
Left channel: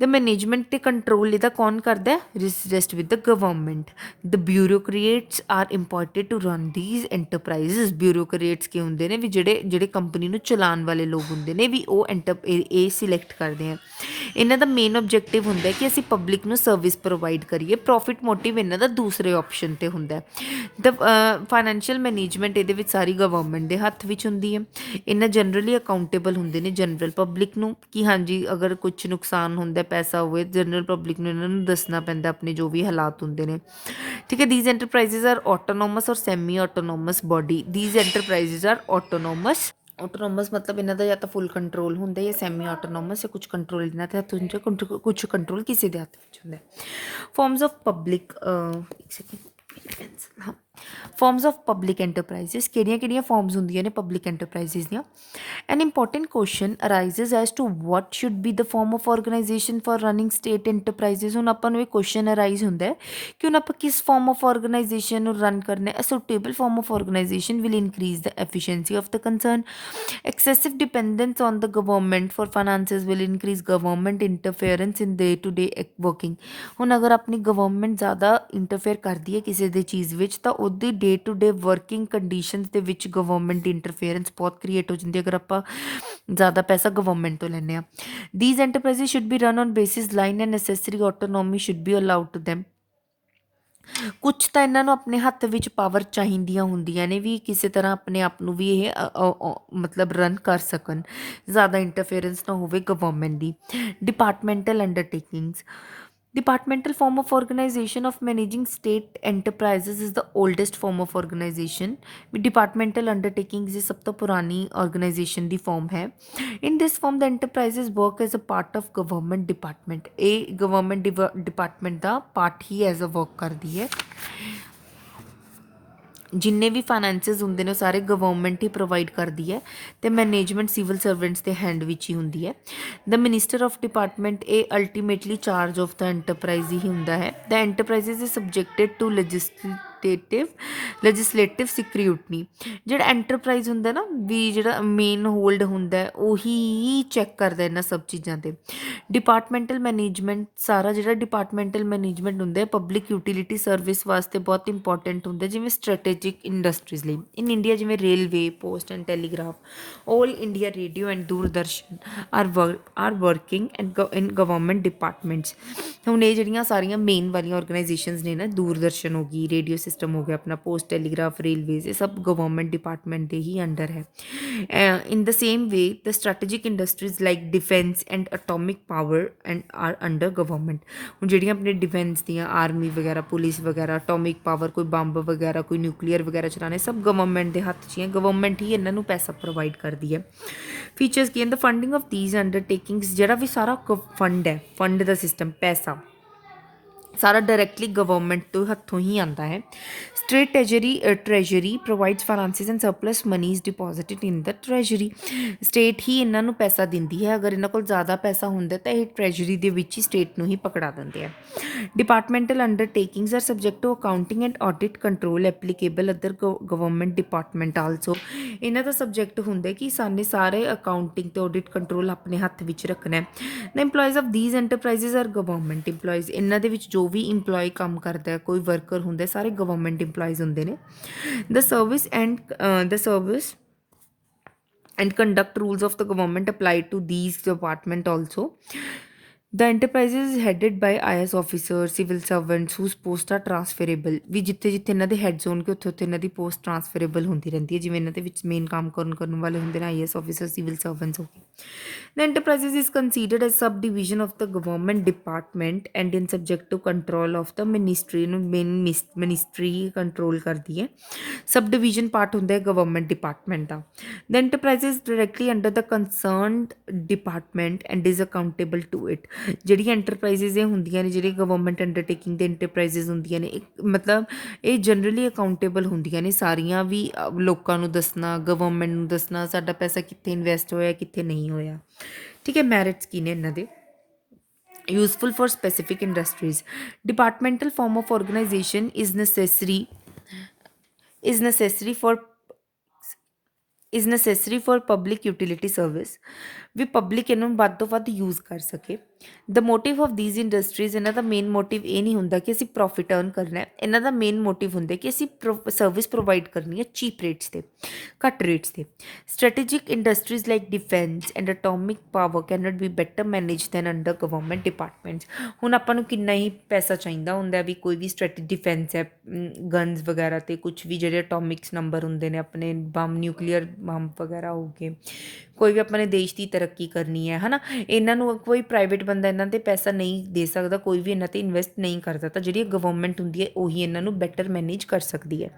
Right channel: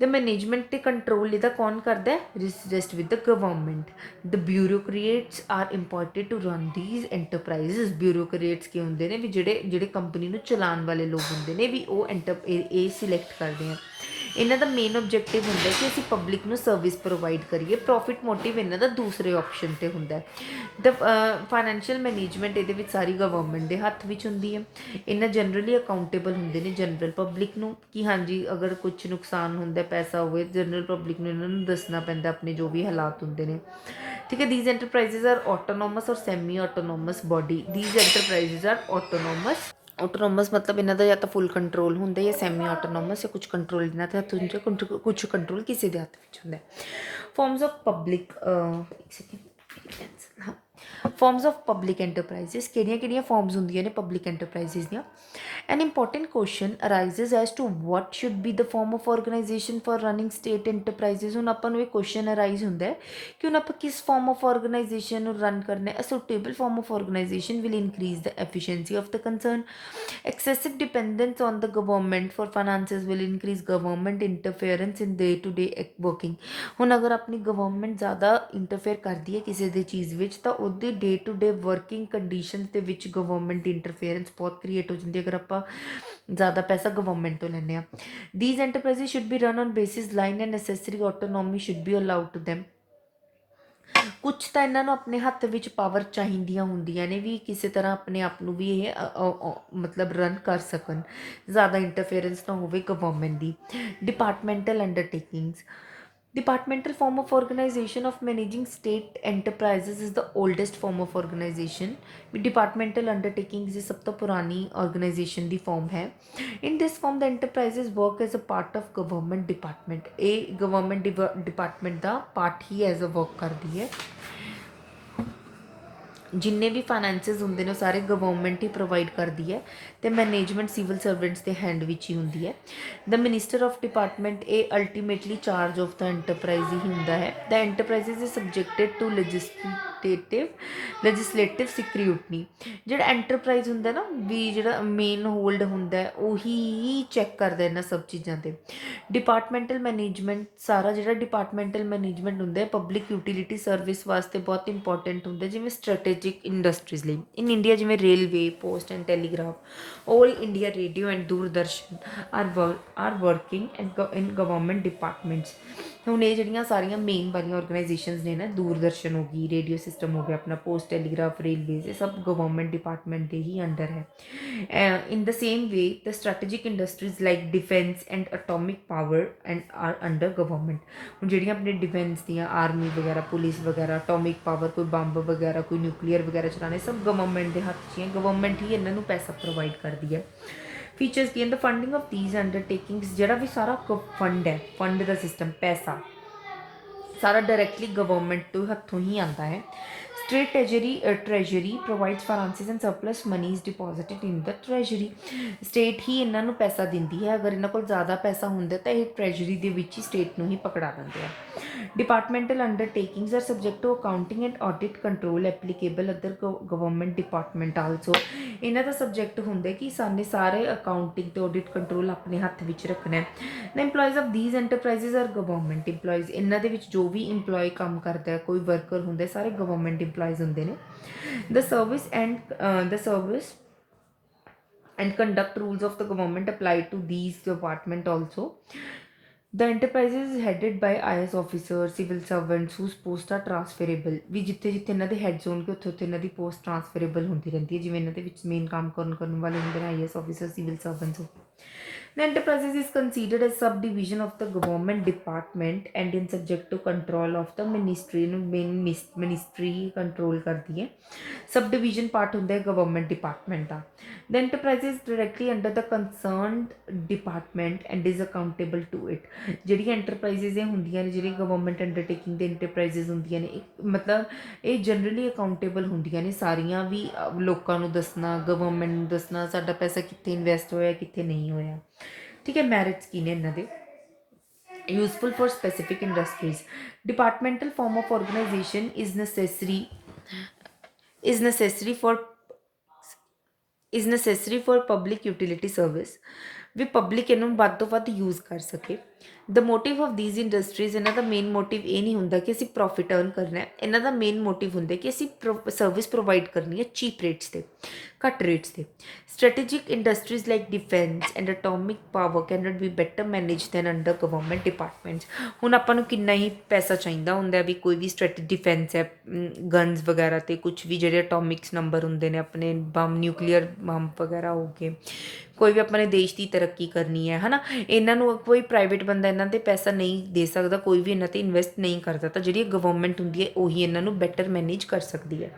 The management ਤੇ control ਇਹਦਾ ਕੌਣ ਕਰਦਾ? Rest with the government. The bureaucrats are imported to run these enterprises. Bureaucrats ਕੀ ਹੁੰਦੇ ਨੇ ਵੀ ਜਿਹੜੇ ਕੰਪਨੀ ਨੂੰ ਚਲਾਉਣ ਵਾਲੇ ਲੋਕ ਹੁੰਦੇ ਨੇ ਵੀ ਉਹ ਇਹ ਸਿਲੈਕਟ ਕਰਦੇ ਆ। ਇਹਨਾਂ ਦਾ ਮੇਨ ਆਬਜੈਕਟਿਵ ਹੁੰਦਾ ਕਿ ਅਸੀਂ ਪਬਲਿਕ ਨੂੰ ਸਰਵਿਸ ਪ੍ਰੋਵਾਈਡ ਕਰੀਏ। ਪ੍ਰੋਫਿਟ ਮੋਟਿਵ ਇਹਨਾਂ ਦਾ ਦੂਸਰੇ ਆਪਸ਼ਨ 'ਤੇ ਹੁੰਦਾ। ਦ ਫਾਈਨੈਂਸ਼ੀਅਲ ਮੈਨੇਜਮੈਂਟ ਇਹਦੇ ਵਿੱਚ ਸਾਰੀ ਗਵਰਨਮੈਂਟ ਦੇ ਹੱਥ ਵਿੱਚ ਹੁੰਦੀ ਹੈ। ਇਹਨਾਂ ਜਨਰਲੀ ਅਕਾਊਂਟੇਬਲ ਹੁੰਦੇ ਨੇ ਜਨਰਲ ਪਬਲਿਕ ਨੂੰ ਕਿ ਹਾਂਜੀ ਅਗਰ ਕੁਛ ਨੁਕਸਾਨ ਹੁੰਦਾ, ਪੈਸਾ ਹੋਵੇ, ਜਨਰਲ ਪਬਲਿਕ ਨੂੰ ਇਹਨਾਂ ਨੂੰ ਦੱਸਣਾ ਪੈਂਦਾ ਆਪਣੇ ਜੋ ਵੀ ਹਾਲਾਤ ਹੁੰਦੇ ਨੇ, ਠੀਕ ਹੈ। These enterprises are autonomous or semi autonomous body. These enterprises are autonomous ਮਤਲਬ ਇਹਨਾਂ ਦਾ ਜਾਂ ਤਾਂ ਫੁੱਲ ਕੰਟਰੋਲ ਹੁੰਦਾ ਜਾਂ ਸੈਮੀ ਆਟੋਨੋਮਸ, ਜਾਂ ਕੁਛ ਕੰਟਰੋਲ ਇਹਨਾਂ ਦੇ ਹੱਥ ਹੁੰਦਾ, ਕੁਛ ਕੰਟਰੋਲ ਕਿਸੇ ਦੇ ਹੱਥ ਵਿੱਚ ਹੁੰਦਾ। Forms of public forms of public enterprises, ਕਿਹੜੀਆਂ ਫਾਰਮਸ ਹੁੰਦੀਆਂ ਨੇ ਪਬਲਿਕ ਐਂਟਰਪ੍ਰਾਈਜ਼ਸ ਦੀਆਂ? An important question arises as to what should be the form of organisation for running state enterprises. ਹੁਣ ਆਪਾਂ ਨੂੰ ਇਹ ਕੁਐਸਚਨ ਅਰਾਈਜ਼ ਹੁੰਦਾ ਕਿ ਹੁਣ ਆਪਾਂ ਕਿਸ ਫਾਰਮ ਆਫ ਆਰਗੇਨਾਈਜੇਸ਼ਨ ਨੂੰ ਰਨ ਕਰਨਾ ਹੈ। A suitable form of organisation will increase the efficiency of the concern. Excessive dependence on the government for finances will increase government interference in day to day working. ਹੁਣ ਅਗਰ ਆਪਣੀ government ਜ਼ਿਆਦਾ interfere ਕਰਦੀ ਹੈ ਕਿਸੇ ਦੀ ਚੀਜ਼ ਵਿੱਚ ਤਾਂ ਉਹਦੀ day to day working conditions ਦੇ ਵਿੱਚ ਗਵਰਨਮੈਂਟ ਦੀ ਇੰਟਰਫੇਰੈਂਸ ਬਹੁਤ ਕ੍ਰੀਏਟ ਹੋ ਜਾਂਦੀ ਹੈ ਅਗਰ ਆਪਾਂ ਜ਼ਿਆਦਾ ਪੈਸਾ ਗਵਰਨਮੈਂਟ ਤੋਂ ਲੈਂਦੇ ਹਾਂ। These enterprises should be run on basis line and necessary autonomy should be allowed to them. ਕੁਛ ਤਾਂ ਇਹਨਾਂ ਨੂੰ ਆਪਣੇ ਹੱਥ ਵਿੱਚ ਪਾਵਰ ਚਾਹੀਦੀਆਂ ਹੁੰਦੀਆਂ ਨੇ ਵੀ ਕਿਸੇ ਤਰ੍ਹਾਂ ਆਪਣੇ ਆਪ ਨੂੰ ਵੀ ਇਹ ਮਤਲਬ ਰਨ ਕਰ ਸਕਣ, ਜ਼ਿਆਦਾ ਇੰਟਰਫੇਰੈਂਸ ਨਾ ਹੋਵੇ government the. Departmental undertakings. Departmental form of organization of managing state enterprises is the oldest form of organization. Departmental undertakings is ਸਭ ਤੋਂ ਪੁਰਾਣੀ organization ਦੀ form ਹੈ। In this form the enterprises work as a part of government department। ਇਹ government department the part he as a work ਕਰਦੀ ਹੈ। ਜਿੰਨੇ ਵੀ finances ਹੁੰਦੇ ਨੇ ਉਹ ਸਾਰੇ ਗਵਰਨਮੈਂਟ ਹੀ ਪ੍ਰੋਵਾਈਡ ਕਰਦੀ ਹੈ ਅਤੇ ਮੈਨੇਜਮੈਂਟ ਸਿਵਲ ਸਰਵੈਂਟਸ ਦੇ ਹੈਂਡ ਵਿੱਚ ਹੀ ਹੁੰਦੀ ਹੈ। ਦ ਮਿਨਿਸਟਰ ਆਫ ਡਿਪਾਰਟਮੈਂਟ ਇਹ ultimately charge of the enterprise ਹੀ ਹੁੰਦਾ ਹੈ। The enterprises is subjected to legislative security. ਜਿਹੜਾ ਐਂਟਰਪ੍ਰਾਈਜ਼ ਹੁੰਦਾ ਨਾ ਵੀ ਜਿਹੜਾ ਮੇਨ ਹੋਲਡ ਹੁੰਦਾ ਉਹੀ ਚੈੱਕ ਕਰਦਾ ਇਹਨਾਂ ਸਭ ਚੀਜ਼ਾਂ 'ਤੇ। ਡਿਪਾਰਟਮੈਂਟਲ ਮੈਨੇਜਮੈਂਟ ਸਾਰਾ ਜਿਹੜਾ ਡਿਪਾਰਟਮੈਂਟਲ ਮੈਨੇਜਮੈਂਟ ਹੁੰਦਾ ਪਬਲਿਕ ਯੂਟੀਲਿਟੀ ਸਰਵਿਸ ਵਾਸਤੇ ਬਹੁਤ ਇੰਪੋਰਟੈਂਟ ਹੁੰਦਾ, ਜਿਵੇਂ ਸਟ੍ਰੈਟੇਜਿਕ ਇੰਡਸਟਰੀਜ਼ ਲਈ। ਇਨ ਇੰਡੀਆ ਜਿਵੇਂ railway, post and telegraph, all India radio and Doordarshan are working in government departments. ਹੁਣ ਇਹ ਜਿਹੜੀਆਂ ਸਾਰੀਆਂ ਮੇਨ ਵਾਲੀਆਂ ਔਰਗਨਾਈਜੇਸ਼ਨਸ ਨੇ ਨਾ, ਦੂਰਦਰਸ਼ਨ ਹੋ ਗਈ, ਰੇਡੀਓ ਸਿਸਟਮ ਹੋ ਗਿਆ ਆਪਣਾ, ਪੋਸਟ ਟੈਲੀਗ੍ਰਾਫ, ਰੇਲਵੇਜ਼, ਇਹ ਸਭ ਗਵਰਨਮੈਂਟ ਡਿਪਾਰਟਮੈਂਟ ਦੇ ਹੀ ਅੰਡਰ ਹੈ। In the same way the strategic industries like defence and atomic power and are under government. ਹੁਣ ਜਿਹੜੀਆਂ ਆਪਣੇ ਡਿਫੈਂਸ ਦੀਆਂ ਆਰਮੀ ਵਗੈਰਾ, ਪੁਲਿਸ ਵਗੈਰਾ, ਅਟੋਮਿਕ ਪਾਵਰ, ਕੋਈ ਬੰਬ ਵਗੈਰਾ, ਕੋਈ ਨਿਊਕਲੀਅਰ ਵਗੈਰਾ ਚਲਾਉਣੇ, ਸਭ ਗਵਰਨਮੈਂਟ ਦੇ ਹੱਥ 'ਚ ਹੀ ਹੈ। ਗਵਰਨਮੈਂਟ ਹੀ ਇਹਨਾਂ ਨੂੰ ਪੈਸਾ ਪ੍ਰੋਵਾਈਡ ਕਰਦੀ ਹੈ। ਫੀਚਰਸ ਕੀ ਹਨ? ਦ ਫੰਡਿੰਗ ਆਫ ਥੀਸ ਅੰਡਰਟੇਕਿੰਗਸ, ਜਿਹੜਾ ਵੀ ਸਾਰਾ ਫੰਡ ਹੈ, ਫੰਡ ਦਾ ਸਿਸਟਮ, ਪੈਸਾ ਸਾਰਾ ਡਾਇਰੈਕਟਲੀ ਗਵਰਨਮੈਂਟ ਤੋਂ ਹੱਥੋਂ ਹੀ ਆਉਂਦਾ ਹੈ। State treasury provides finances and surplus money is deposited in the treasury. State ਹੀ ਇਹਨਾਂ ਨੂੰ ਪੈਸਾ ਦਿੰਦੀ ਹੈ। ਅਗਰ ਇਹਨਾਂ ਕੋਲ ਜ਼ਿਆਦਾ ਪੈਸਾ ਹੁੰਦਾ ਤਾਂ ਇਹ ਟ੍ਰੈਜਰੀ ਦੇ ਵਿੱਚ ਹੀ ਸਟੇਟ ਨੂੰ ਹੀ ਪਕੜਾ ਦਿੰਦੇ ਆ। Departmental undertakings are subject to accounting and audit control applicable other government department also. ਇਹਨਾਂ ਦਾ ਸਬਜੈਕਟ ਹੁੰਦਾ ਕਿ ਸਾਨੇ ਸਾਰੇ ਅਕਾਊਂਟਿੰਗ ਤੇ ਆਡਿਟ ਕੰਟਰੋਲ ਆਪਣੇ ਹੱਥ ਵਿੱਚ ਰੱਖਣਾ ਹੈ। The employees of these enterprises are government employees. ਇਹਨਾਂ ਦੇ ਵਿੱਚ ਜੋ ਵੀ ਇੰਪਲੋਈ ਕੰਮ ਕਰਦਾ ਹੈ, ਕੋਈ ਵਰਕਰ ਹੁੰਦਾ, ਸਾਰੇ ਗਵਰਨਮੈਂਟ ਇੰਪਲੋਈਜ਼ ਹੁੰਦੇ ਨੇ। ਦ service and conduct rules of the government apply to these department also. The enterprises is headed by IS officers, civil servants whose posts are transferable। ਵੀ ਜਿੱਥੇ ਜਿੱਥੇ ਇਹਨਾਂ ਦੇ ਹੈਡਸ ਹੋਣਗੇ ਉੱਥੇ ਉੱਥੇ ਇਹਨਾਂ ਦੀ ਪੋਸਟ ਟ੍ਰਾਂਸਫਰੇਬਲ ਹੁੰਦੀ ਰਹਿੰਦੀ ਹੈ। ਜਿਵੇਂ ਇਹਨਾਂ ਦੇ ਵਿੱਚ ਮੇਨ ਕੰਮ ਕਰਨ ਵਾਲੇ ਹੁੰਦੇ ਨੇ IS officers, civil servants ਹੋ ਗਏ। The enterprises is considered as subdivision of the government department and in subject to control of the ministry। ਨੂੰ ਮੇਨ ਮਿਨਿਸਟਰੀ ਕੰਟਰੋਲ ਕਰਦੀ ਹੈ। ਸਬਡਿਵੀਜ਼ਨ ਪਾਰਟ ਹੁੰਦਾ ਹੈ government department the. The enterprise is directly under the concerned department and is accountable to it। ਜਿਹੜੀਆਂ enterprises ਇਹ ਹੁੰਦੀਆਂ ਨੇ, ਜਿਹੜੀ ਗਵਰਨਮੈਂਟ ਅੰਡਰਟੇਕਿੰਗ ਦੇ ਐਂਟਰਪ੍ਰਾਈਜ਼ਸ ਹੁੰਦੀਆਂ ਨੇ, ਮਤਲਬ ਇਹ ਜਨਰਲੀ ਅਕਾਊਂਟੇਬਲ ਹੁੰਦੀਆਂ ਨੇ ਸਾਰੀਆਂ ਵੀ। ਲੋਕਾਂ ਨੂੰ ਦੱਸਣਾ, ਗਵਰਨਮੈਂਟ ਨੂੰ ਦੱਸਣਾ ਸਾਡਾ ਪੈਸਾ ਕਿੱਥੇ ਇਨਵੈਸਟ ਹੋਇਆ, ਕਿੱਥੇ ਨਹੀਂ ਹੋਇਆ। ਠੀਕ ਹੈ। ਮੈਰਿਟਸ ਕੀ ਨੇ ਇਹਨਾਂ ਦੇ? useful for specific industries। departmental form of organization is necessary for public utility service। ਵੀ ਪਬਲਿਕ ਇਹਨੂੰ ਵੱਧ ਤੋਂ ਵੱਧ ਯੂਜ਼ ਕਰ ਸਕੇ। The motive of these industries, ਇਹਨਾਂ ਦਾ ਮੇਨ ਮੋਟਿਵ ਇਹ ਨਹੀਂ ਹੁੰਦਾ ਕਿ ਅਸੀਂ ਪ੍ਰੋਫਿਟ ਅਰਨ ਕਰਨਾ ਹੈ। ਇਹਨਾਂ ਦਾ ਮੇਨ ਮੋਟਿਵ ਹੁੰਦਾ ਕਿ ਅਸੀਂ ਸਰਵਿਸ ਪ੍ਰੋਵਾਈਡ ਕਰਨੀ ਹੈ ਚੀਪ ਰੇਟਸ 'ਤੇ, ਘੱਟ ਰੇਟਸ 'ਤੇ। Strategic industries like defence and atomic power can not be better manage than under government departments. ਹੁਣ ਆਪਾਂ ਨੂੰ ਕਿੰਨਾ ਹੀ ਪੈਸਾ ਚਾਹੀਦਾ ਹੁੰਦਾ ਵੀ ਕੋਈ ਵੀ ਡਿਫੈਂਸ ਹੈ, ਗਨਸ ਵਗੈਰਾ 'ਤੇ ਕੁਛ ਵੀ ਜਿਹੜੇ ਅਟੋਮਿਕਸ ਨੰਬਰ ਹੁੰਦੇ ਨੇ ਆਪਣੇ, ਬੰਬ, ਨਿਊਕਲੀਅਰ ਬੰਬ ਵਗੈਰਾ ਹੋ ਗਏ, ਕੋਈ ਵੀ ਆਪਣੇ ਦੇਸ਼ ਦੀ ਤਰੱਕੀ ਕਰਨੀ ਹੈ ਨਾ, ਇਹਨਾਂ ਨੂੰ ਕੋਈ ਪ੍ਰਾਈਵੇਟ ਬੰਦਾ ਇਹਨਾਂ 'ਤੇ ਪੈਸਾ ਨਹੀਂ ਦੇ ਸਕਦਾ, ਕੋਈ ਵੀ ਇਹਨਾਂ 'ਤੇ ਇਨਵੈਸਟ ਨਹੀਂ ਕਰ ਸਕਦਾ। ਜਿਹੜੀ ਗਵਰਨਮੈਂਟ ਹੁੰਦੀ ਹੈ ਉਹੀ ਇਹਨਾਂ ਨੂੰ ਬੈਟਰ ਮੈਨੇਜ ਕਰ ਸਕਦੀ ਹੈ।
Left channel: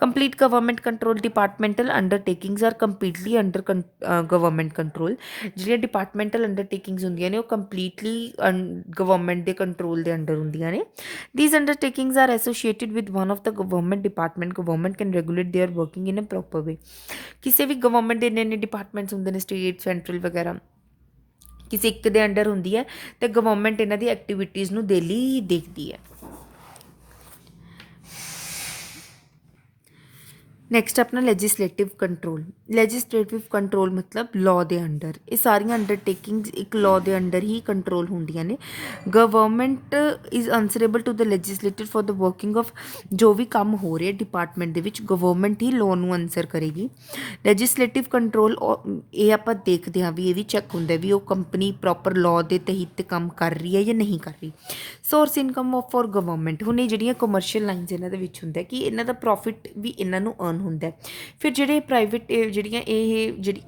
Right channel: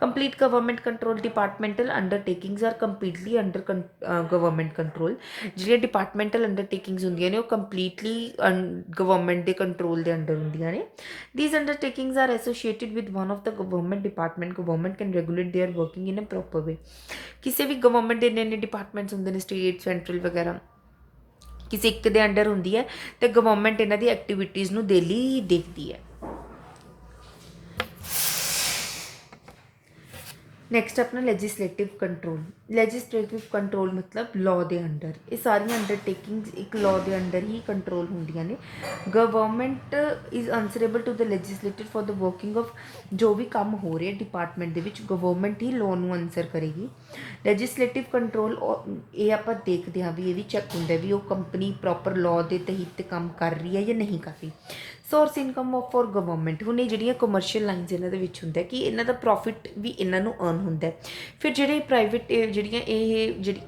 Complete government control. Departmental undertakings are completely under government control. ਜਿਹੜੀਆਂ ਡਿਪਾਰਟਮੈਂਟਲ ਅੰਡਰਟੇਕਿੰਗਸ ਹੁੰਦੀਆਂ ਨੇ ਉਹ ਕੰਪਲੀਟਲੀ ਗਵਰਨਮੈਂਟ ਦੇ ਕੰਟਰੋਲ ਦੇ ਅੰਡਰ ਹੁੰਦੀਆਂ ਨੇ। These undertakings are associated with one of the government department. Government can regulate their working in a proper way. ਕਿਸੇ ਵੀ ਗਵਰਨਮੈਂਟ ਦੇ ਇੰਨੇ ਡਿਪਾਰਟਮੈਂਟਸ ਹੁੰਦੇ ਨੇ, ਸਟੇਟ, ਸੈਂਟਰਲ ਵਗੈਰਾ, ਕਿਸੇ ਇੱਕ ਦੇ ਅੰਡਰ ਹੁੰਦੀ ਹੈ ਅਤੇ ਗਵਰਨਮੈਂਟ ਇਹਨਾਂ ਦੀ ਐਕਟੀਵਿਟੀਜ਼ ਨੂੰ ਡੇਲੀ ਦੇਖਦੀ ਹੈ। ਨੈਕਸਟ ਆਪਣਾ ਲੈਜਿਸਲੇਟਿਵ ਕੰਟਰੋਲ ਮਤਲਬ ਲਾਅ ਦੇ ਅੰਡਰ। ਇਹ ਸਾਰੀਆਂ ਅੰਡਰਟੇਕਿੰਗਸ ਇੱਕ ਲਾਅ ਦੇ ਅੰਡਰ ਹੀ ਕੰਟਰੋਲ ਹੁੰਦੀਆਂ ਨੇ। Government is answerable to the legislator for the working of, ਜੋ ਵੀ ਕੰਮ ਹੋ ਰਿਹਾ ਡਿਪਾਰਟਮੈਂਟ ਦੇ ਵਿੱਚ ਗਵਰਨਮੈਂਟ ਹੀ ਲਾਅ ਨੂੰ ਆਨਸਰ ਕਰੇਗੀ। ਲੈਜਿਸਲੇਟਿਵ ਕੰਟਰੋਲ ਇਹ ਆਪਾਂ ਦੇਖਦੇ ਹਾਂ ਵੀ ਇਹ ਵੀ ਚੈੱਕ ਹੁੰਦਾ ਵੀ ਉਹ ਕੰਪਨੀ ਪ੍ਰੋਪਰ ਲਾਅ ਦੇ ਤਹਿਤ ਕੰਮ ਕਰ ਰਹੀ ਹੈ ਜਾਂ ਨਹੀਂ ਕਰ ਰਹੀ। Source income of for government, ਹੁਣ ਇਹ ਜਿਹੜੀਆਂ ਕਮਰਸ਼ੀਅਲ ਲਾਈਨਸ ਇਹਨਾਂ ਦੇ ਵਿੱਚ ਹੁੰਦਾ ਕਿ ਇਹਨਾਂ ਦਾ ਪ੍ਰੋਫਿਟ ਵੀ ਇਹਨਾਂ ਨੂੰ ਅਰਨ ਹੁੰਦਾ। ਫਿਰ ਜਿਹੜੇ ਪ੍ਰਾਈਵੇਟ ਜਿਹੜੀਆਂ ਇਹ ਜਿਹੜੀ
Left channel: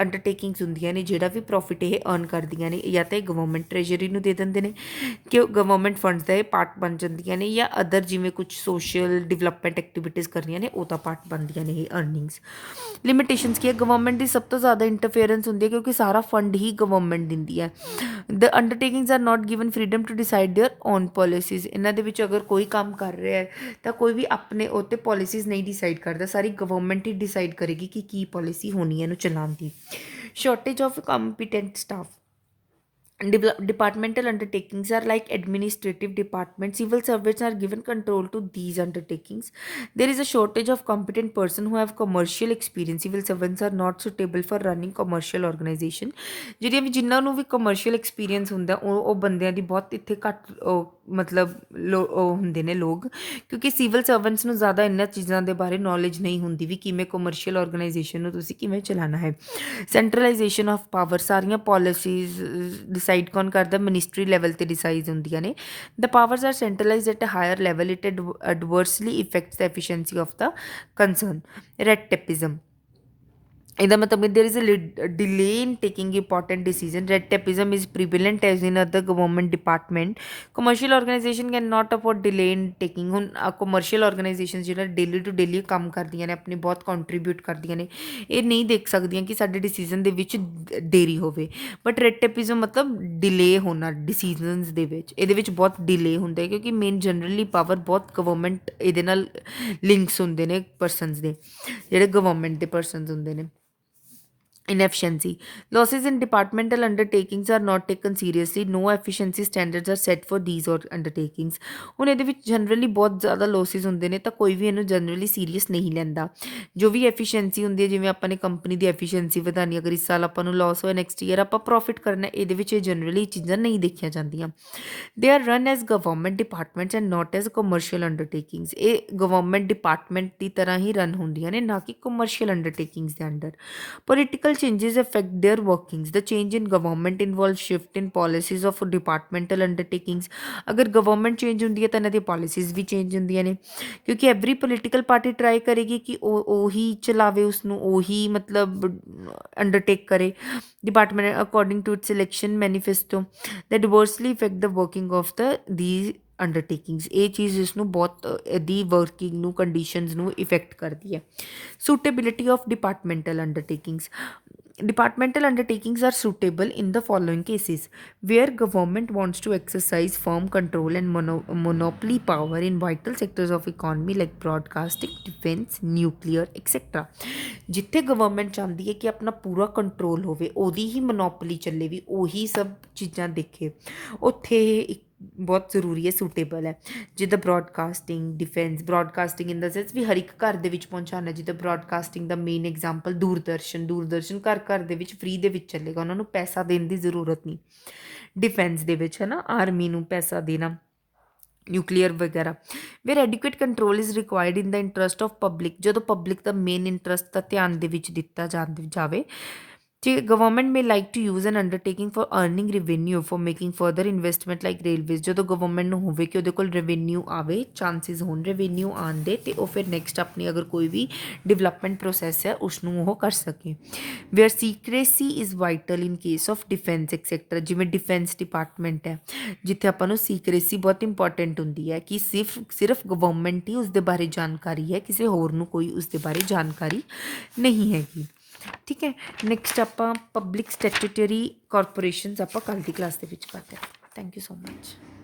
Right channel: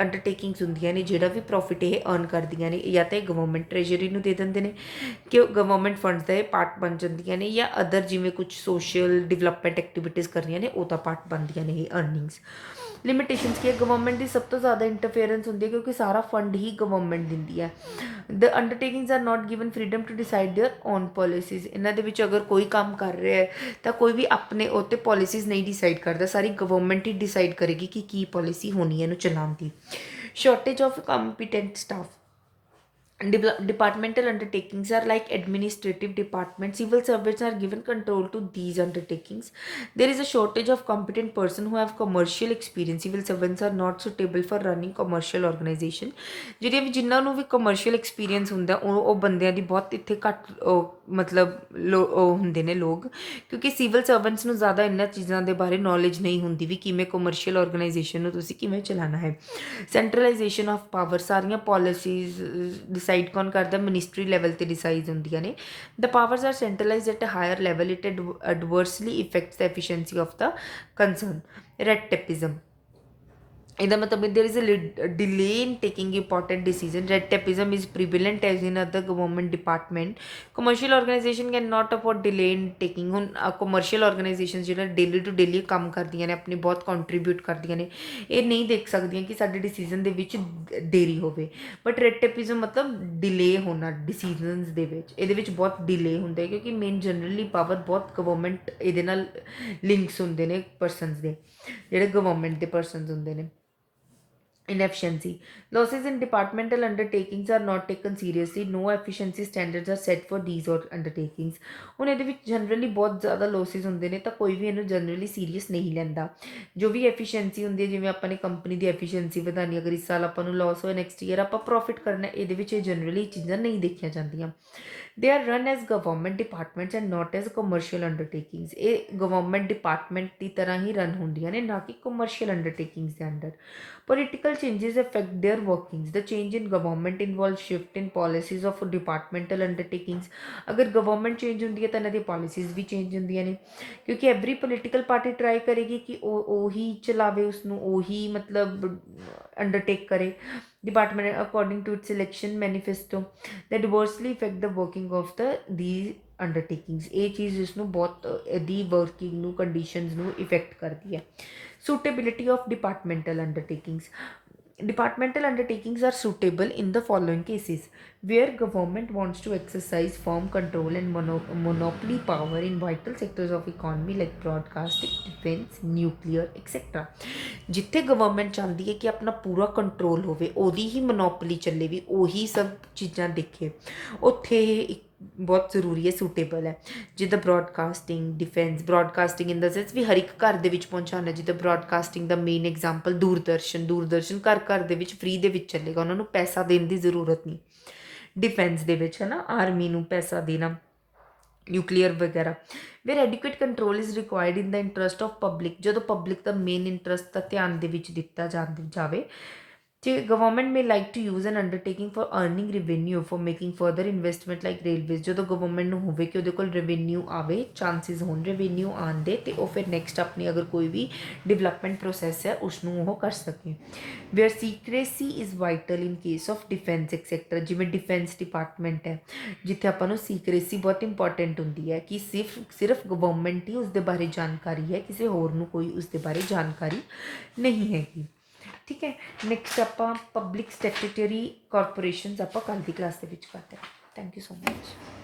ਅੰਡਰਟੇਕਿੰਗਸ ਹੁੰਦੀਆਂ ਨੇ ਜਿਹੜਾ ਵੀ ਪ੍ਰੋਫਿਟ ਇਹ ਅਰਨ ਕਰਦੀਆਂ ਨੇ ਜਾਂ ਤਾਂ ਇਹ ਗਵਰਨਮੈਂਟ ਟ੍ਰੈਜਰੀ ਨੂੰ ਦੇ ਦਿੰਦੇ ਨੇ ਕਿ ਉਹ ਗਵਰਨਮੈਂਟ ਫੰਡਸ ਦਾ ਇਹ ਪਾਰਟ ਬਣ ਜਾਂਦੀਆਂ ਨੇ, ਜਾਂ ਅਦਰ ਜਿਵੇਂ ਕੁਝ ਸੋਸ਼ਲ ਡਿਵੈਲਪਮੈਂਟ ਐਕਟੀਵਿਟੀਜ਼ ਕਰਨੀਆਂ ਨੇ ਉਹਦਾ ਪਾਰਟ ਬਣਦੀਆਂ ਨੇ ਇਹ ਅਰਨਿੰਗਸ। ਲਿਮਿਟੇਸ਼ਨਸ ਕੀ ਹੈ, ਗਵਰਨਮੈਂਟ ਦੀ ਸਭ ਤੋਂ ਜ਼ਿਆਦਾ ਇੰਟਰਫੇਅਰੈਂਸ ਹੁੰਦੀ ਹੈ ਕਿਉਂਕਿ ਸਾਰਾ ਫੰਡ ਹੀ ਗਵਰਨਮੈਂਟ ਦਿੰਦੀ ਹੈ। The undertakings are not given freedom to decide their own policies. ਇਹਨਾਂ ਦੇ ਵਿੱਚ ਅਗਰ ਕੋਈ ਕੰਮ ਕਰ ਰਿਹਾ ਹੈ ਤਾਂ ਕੋਈ ਵੀ ਆਪਣੇ ਉਹ 'ਤੇ ਪੋਲਿਸੀਜ਼ ਨਹੀਂ ਡਿਸਾਈਡ ਕਰਦਾ, ਸਾਰੀ ਗਵਰਨਮੈਂਟ ਹੀ ਡਿਸਾਈਡ ਕਰੇਗੀ ਕਿ ਕੀ ਪੋਲਿਸੀ ਹੋਣੀ ਹੈ ਇਹਨੂੰ ਚਲਾਉਣ ਦੀ। Shortage of competent staff, departmental undertakings are like administrative departments. Civil servants are given control to these undertakings. There is a shortage of competent person who have commercial experience. Civil servants are not suitable for running commercial organization. ਜਿਹੜੀਆਂ ਵੀ ਜਿਨ੍ਹਾਂ ਨੂੰ ਵੀ commercial experience ਹੁੰਦਾ ਉਹ ਬੰਦਿਆਂ ਦੀ ਬਹੁਤ ਇੱਥੇ ਘੱਟ ਮਤਲਬ ਉਹ ਹੁੰਦੇ ਨੇ ਲੋਕ, ਕਿਉਂਕਿ ਸਿਵਲ ਸਰਵੈਂਟਸ ਨੂੰ ਜ਼ਿਆਦਾ ਇਹਨਾਂ ਚੀਜ਼ਾਂ ਦੇ ਬਾਰੇ ਨੌਲੇਜ ਨਹੀਂ ਹੁੰਦੀ ਵੀ ਕਿਵੇਂ ਕਮਰਸ਼ੀਅਲ ਆਰਗੇਨਾਈਜੇਸ਼ਨ ਨੂੰ ਤੁਸੀਂ ਕਿਵੇਂ ਚਲਾਉਣਾ ਹੈ। ਸੈਂਟਰਲਾਈਜੇਸ਼ਨ ਆਫ ਪਾਵਰ, ਸਾਰੀਆਂ ਪੋਲਿਸੀਜ਼ ਡਿਸਾਈਡ ਕੌਣ ਕਰਦਾ, ਮਿਨਿਸਟਰੀ ਲੈਵਲ 'ਤੇ ਡਿਸਾਈਡ ਹੁੰਦੀਆਂ ਨੇ। The powers are centralised at a higher level, it adversely affects the efficiency of the concern. Red tapism, ਇਹਦਾ ਮਤਲਬ there is a delay in taking important decision. Red tapism is prevalent as in other government department. Commercial organisation can not afford delay in taking. ਹੁਣ commercial organisation ਜਿਹੜਾ daily to daily ਕੰਮ ਕਰਦੀਆਂ ਨੇ ਆਪਣੀ ਬਹੁਤ contribute ਕਰਦੀਆਂ ਨੇ, ਇਹ ਨਹੀਂ ਦੇਖ ਸਕਦੀਆਂ ਕਿ ਸਾਡੇ ਡਿਸੀਜਨ ਦੇ ਵਿੱਚ ਦੇਰੀ ਹੋਵੇ। ਬਟ ਰੈਡ ਟੇਪਿਜ਼ਮ ਮਤਲਬ ਡਿਲੇ ਹੋਣਾ ਡਿਸੀਜਨਸ ਦੇ ਵਿੱਚ, ਇਹਦੇ ਵਿੱਚ ਬਹੁਤ ਡਿਲੇ ਹੁੰਦਾ ਕਿਉਂਕਿ ਮੇਨ ਜਨਰਲੀ ਪਾਵਰ ਬਹੁਤ ਗਵਰਨਮੈਂਟ ਇਹਦੇ ਨਾਲ ਲਿੰਕਸ ਹੁੰਦੇ ਨੇ ਪਰਸਨਸ ਦੇ, ਜਿਹੜੇ ਗਵਰਨਮੈਂਟ ਦੇ ਪਰਸਨਸ ਹੁੰਦੇ ਨੇ। Inefficiency, losses in departmental undertakings are not taken seriously. No efficiency standards are set for these or undertakings. ਹੁਣ ਇਹਦੇ ਵਿੱਚ ਜਨਰਲੀ ਬਹੁਤ ਜ਼ਿਆਦਾ ਲੋਸਿਸ ਹੁੰਦੇ ਨੇ ਤਾਂ ਕੋਈ ਵੀ ਇਹਨੂੰ ਜਨਰਲੀ ਸੀਰੀਅਸ ਨਹੀਂ ਲੈਂਦਾ। ਜੋ ਵੀ ਐਫੀਸ਼ੀਐਂਸੀ ਹੁੰਦੀ ਹੈ, ਜਿਵੇਂ ਆਪਾਂ ਨੇ ਕੰਪਨੀ ਦੀ ਐਫੀਸ਼ੀਐਂਸੀ ਵਧਾਉਣੀ, ਅਗਰ ਇਸ ਸਾਲ ਆਪਾਂ ਨੂੰ ਲਾਸ ਹੋਇਆ ਨੈਕਸਟ ਈਅਰ ਆਪਾਂ ਪ੍ਰੋਫਿਟ ਕਰਨਾ, ਇਹਦੇ ਵਿੱਚ ਇਹ ਜਨਰਲੀ ਚੀਜ਼ਾਂ ਨਹੀਂ ਦੇਖੀਆਂ ਜਾਂਦੀਆਂ। They are run as government departments and not as commercial undertakings. ਇਹ ਗਵਰਨਮੈਂਟ ਡਿਪਾਰਟਮੈਂਟ ਦੀ ਤਰ੍ਹਾਂ ਹੀ ਰਨ ਹੁੰਦੀਆਂ ਨੇ, ਨਾ ਕਿ ਕਮਰਸ਼ੀਅਲ ਅੰਡਰਟੇਕਿੰਗਸ ਦੇ under. Political changes affect their workings. The change in government involves shift in policies of departmental undertakings. अगर government change ਹੁੰਦੀ ਹੈ ਤਾਂ ਇਹਨਾਂ ਦੀ policies ਵੀ change ਹੁੰਦੀਆਂ ਨੇ, ਕਿਉਂਕਿ every political party try ਕਰੇਗੀ ਕਿ ਉਹੀ ਚਲਾਵੇ ਉਸਨੂੰ, ਉਹੀ ਮਤਲਬ undertake ਕਰੇ department according to its election manifesto that adversely affect the working of these ਅੰਡਰਟੇਕਿੰਗਸ। ਇਹ ਚੀਜ਼ ਇਸਨੂੰ ਬਹੁਤ ਇਹਦੀ ਵਰਕਿੰਗ ਨੂੰ ਕੰਡੀਸ਼ਨਸ ਨੂੰ ਇਫੈਕਟ ਕਰਦੀ ਹੈ। Suitability of departmental undertakings, departmental undertakings are suitable in the following cases: where government wants to exercise firm control and monopoly power in vital sectors of economy like broadcasting, defense, nuclear, etc. ਜਿੱਥੇ government ਚਾਹੁੰਦੀ ਹੈ ਕਿ ਆਪਣਾ ਪੂਰਾ control ਹੋਵੇ, ਉਹਦੀ ਹੀ monopoly ਚੱਲੇ, ਵੀ ਉਹੀ ਸਭ ਚੀਜ਼ਾਂ ਦੇਖੇ, ਉੱਥੇ ਇਹ ਬਹੁਤ ਜ਼ਰੂਰੀ ਹੈ, ਸੂਟੇਬਲ ਹੈ। ਜਿੱਦਾਂ ਬਰੋਡਕਾਸਟਿੰਗ, ਡਿਫੈਂਸ, ਬਰੋਡਕਾਸਟਿੰਗ ਇਨ ਦਾ ਸੈਂਸ ਵੀ ਹਰ ਇੱਕ ਘਰ ਦੇ ਵਿੱਚ ਪਹੁੰਚਾਉਣਾ। ਜਿੱਦਾਂ ਬਰੋਡਕਾਸਟਿੰਗ ਦਾ ਮੇਨ ਐਗਜ਼ਾਮਪਲ ਦੂਰਦਰਸ਼ਨ ਘਰ ਦੇ ਵਿੱਚ ਫ੍ਰੀ ਦੇ ਵਿੱਚ ਚੱਲੇਗਾ, ਉਹਨਾਂ ਨੂੰ ਪੈਸਾ ਦੇਣ ਦੀ ਜ਼ਰੂਰਤ ਨਹੀਂ। ਡਿਫੈਂਸ ਦੇ ਵਿੱਚ ਹੈ ਨਾ, ਆਰਮੀ ਨੂੰ ਪੈਸਾ ਦੇਣਾ, ਨਿਊਕਲੀਅਰ ਵਗੈਰਾ। Where adequate control is required in the interest of public, ਜਦੋਂ ਪਬਲਿਕ ਦਾ ਮੇਨ ਇੰਟਰਸਟ ਦਾ ਧਿਆਨ ਦੇ ਵਿੱਚ ਦਿੱਤਾ ਜਾਵੇ। ਜੇ government may like to use an undertaking for earning revenue for making further investment like railways, ਜਦੋਂ ਗਵਰਨਮੈਂਟ ਨੂੰ ਹੋਵੇ ਕਿ ਉਹਦੇ ਕੋਲ ਰੈਵਨਿਊ ਆਵੇ, ਚਾਂਸਿਸ ਹੋਣ ਰੈਵਨਿਊ ਆਉਣ ਦੇ, ਅਤੇ ਉਹ ਫਿਰ ਨੈਕਸਟ ਆਪਣੀ ਅਗਰ ਕੋਈ ਵੀ ਡਿਵੈਲਪਮੈਂਟ ਪ੍ਰੋਸੈਸ ਹੈ ਉਸਨੂੰ ਉਹ ਕਰ ਸਕੇ। Where secrecy is vital in case of defence sector, ਜਿਵੇਂ ਡਿਫੈਂਸ ਡਿਪਾਰਟਮੈਂਟ ਹੈ ਜਿੱਥੇ ਆਪਾਂ ਨੂੰ ਸੀਕਰੇਸੀ ਬਹੁਤ ਇੰਪੋਰਟੈਂਟ ਹੁੰਦੀ ਹੈ ਕਿ ਸਿਰਫ ਗਵਰਨਮੈਂਟ ਹੀ ਉਸਦੇ ਬਾਰੇ ਜਾਣਕਾਰੀ ਹੈ, ਕਿਸੇ ਹੋਰ ਨੂੰ ਕੋਈ ਉਸਦੇ ਬਾਰੇ ਜਾਣਕਾਰੀ ਨਹੀਂ ਹੈਗੀ। ਠੀਕ ਹੈ, ਨੈਕਸਟ ਆਪਾਂ ਪਬਲਿਕ ਸਟੈਚੂਟਰੀ ਕਾਰਪੋਰੇਸ਼ਨਸ ਆਪਾਂ ਕੱਲ੍ਹ ਦੀ ਕਲਾਸ ਦੇ ਵਿੱਚ ਕਰਦੇ ਹਾਂ। Thank you so much.